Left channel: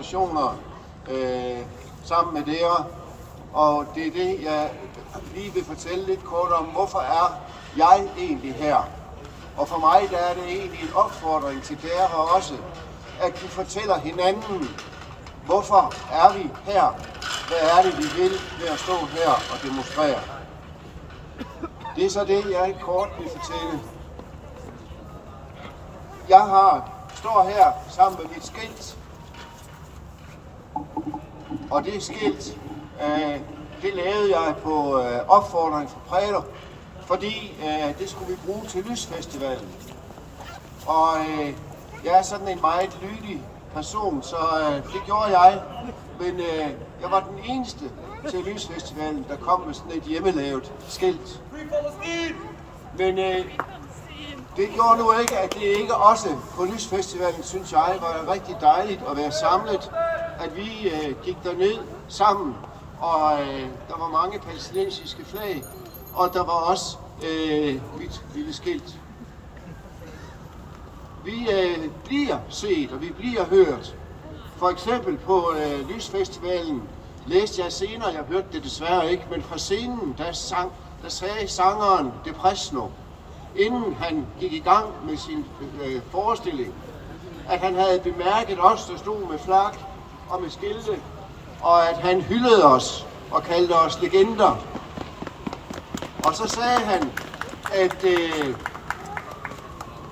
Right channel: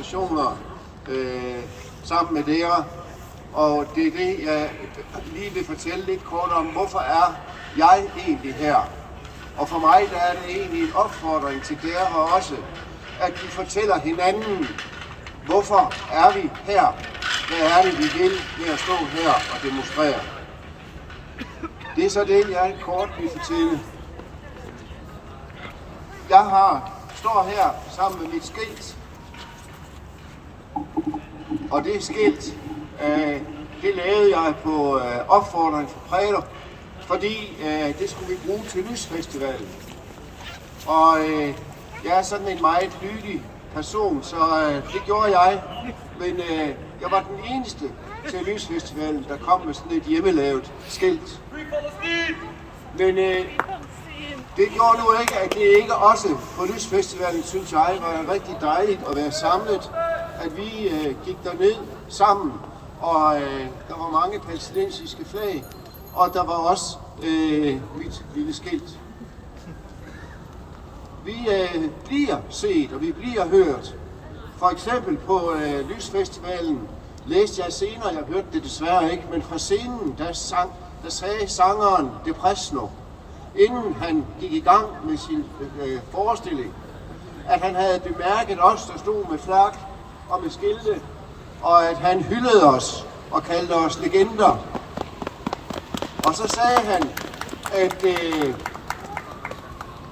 demonstrationer sammen med dere. Og det er det, jeg lige vil fortælle lidt kort om. Hvorfor er jeg egentlig her? Og for mig der er det egentlig en opfordring til dere her også, at vi fortæller hinanden, hvorfor er vi her? Hvad er det, vi vil ved at stå her og demonstrere? Det er så det, jeg kort vil fortælle. Jeg står her sammen med mit skilt. Og det skilt, det lavede jeg på opfordring fra Præder, fordi det skulle vi bruge til Lysfestivalen. Og jeg er sådan en meget lydig person, så det gjorde jeg. Men jeg var den eneste til Lysfestivalen, der kom med sådan et hjemmelavet skilt. Men det gjorde nu ikke, at det ikke også på Lysfestivalen, synes jeg, var rigtig dejligt at være samlet. At vi gik derned sammen, og der var mange palæstinensiske flag, og der var også mit lille skilt. Vi bliver set, og vi bliver hørt. For eksempel på Lysfestivalen læste jeg senere, jeg hørte det desværre ikke, men fra scenen, der sagde sangeren Depresno, inden han gik i gang med sin forestilling, at han havde bemærket os, der stod med flak og med skilte, og at han hyldede os og kaldte os legender. Og så sagde han,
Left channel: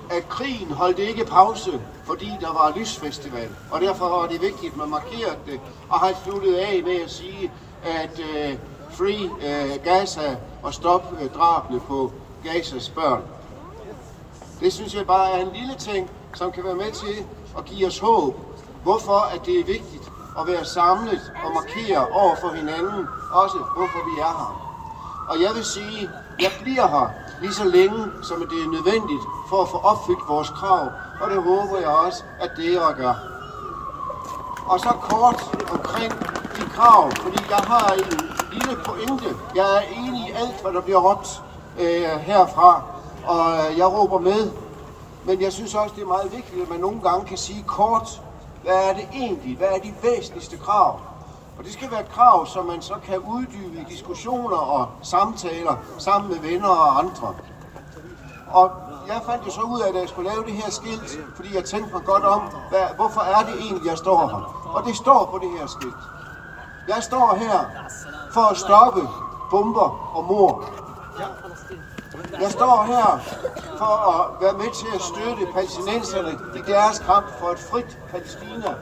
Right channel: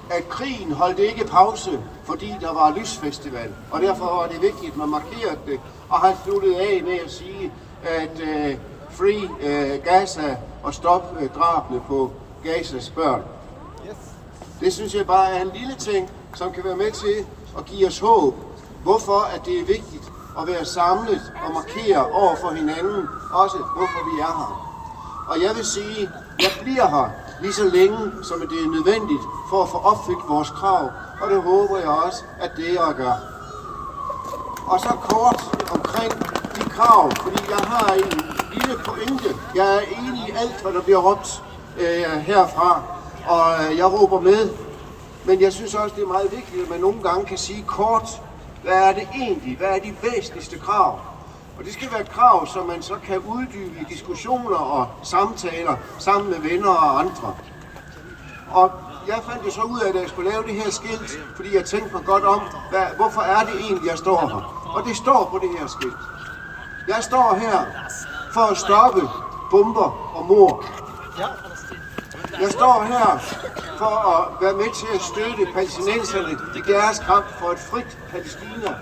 at krigen holdt ikke pause, fordi der var lysfestival, og derfor var det vigtigt, at man markerede det, og han sluttede af med at sige, at free Gaza og stop drabene på Gazas børn. Det synes jeg bare er en lille ting, som kan være med til at give os håb, hvorfor at det er vigtigt at være samlet og markere over for hinanden, også hvorfor vi er her. Og jeg vil sige, jeg bliver her lige så længe, som det er nødvendigt for at få opfyldt vores krav, og det håber jeg også, at det er at gøre. Og så kort omkring de krav, fordi jeg har en lille pointe. Jeg er enig i alt, hvad der bliver råbt herfra, og jeg råber med. Men jeg synes også, det er meget vigtigt, at man nogle gange kan sige kort, hvad er det egentlig, hvad er de væsentligste krav? Og det skal være krav, som man så kan uddybe i diskussioner og samtaler sammen med venner og andre. Og jeg fandt jo så ud af, at jeg skulle lave det her skilt, fordi jeg tænkte mig godt om, hvorfor er det egentlig, jeg står her? Og det står på det her skilt. Jeg står her for at stoppe bomber og mord. Jeg står her for at være med til at støtte palæstinenserne i deres kamp for et frit Palæstina.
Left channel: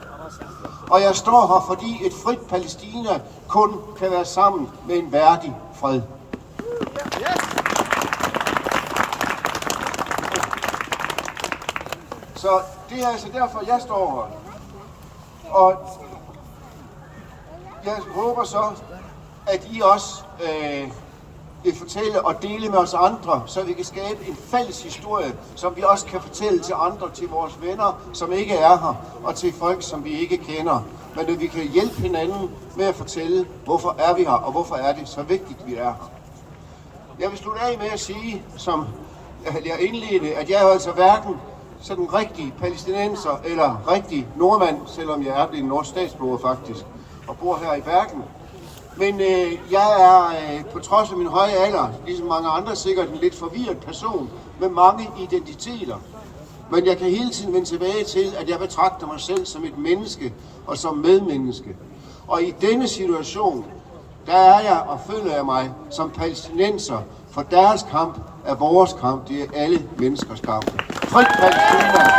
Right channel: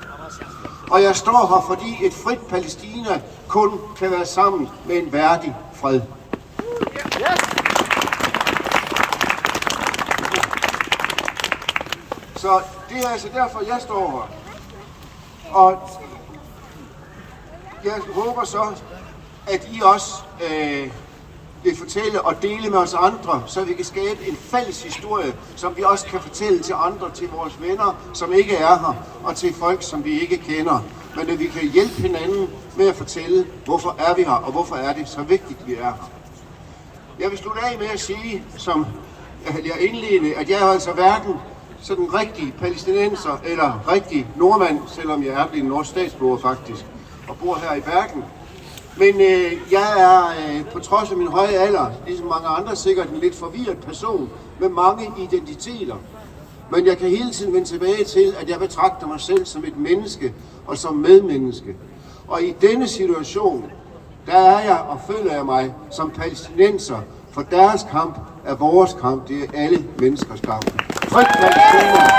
Og jeg står her, fordi et frit Palæstina kun kan være sammen med en værdig fred. Så det er altså derfor, jeg står her. Og jeg håber så, at I også vil fortælle og dele med os andre, så vi kan skabe en fælles historie, som vi også kan fortælle til andre, til vores venner, som ikke er her, og til folk, som vi ikke kender. Men at vi kan hjælpe hinanden med at fortælle, hvorfor er vi her, og hvorfor er det så vigtigt, vi er her. Jeg vil slutte af med at sige, som jeg indledte, at jeg er altså hverken sådan rigtig palæstinenser eller rigtig nordmand, selvom jeg er en norsk statsborger faktisk, og bor her i Bergen. Men jeg er på trods af min høje alder, ligesom mange andre, sikkert en lidt forvirret person med mange identiteter. Men jeg kan hele tiden vende tilbage til, at jeg betragter mig selv som et menneske og som medmenneske. Og i denne situation, der er jeg og føler jeg mig som palæstinenser, for deres kamp er vores kamp. Det er alle menneskers kamp. Frit Palæstina!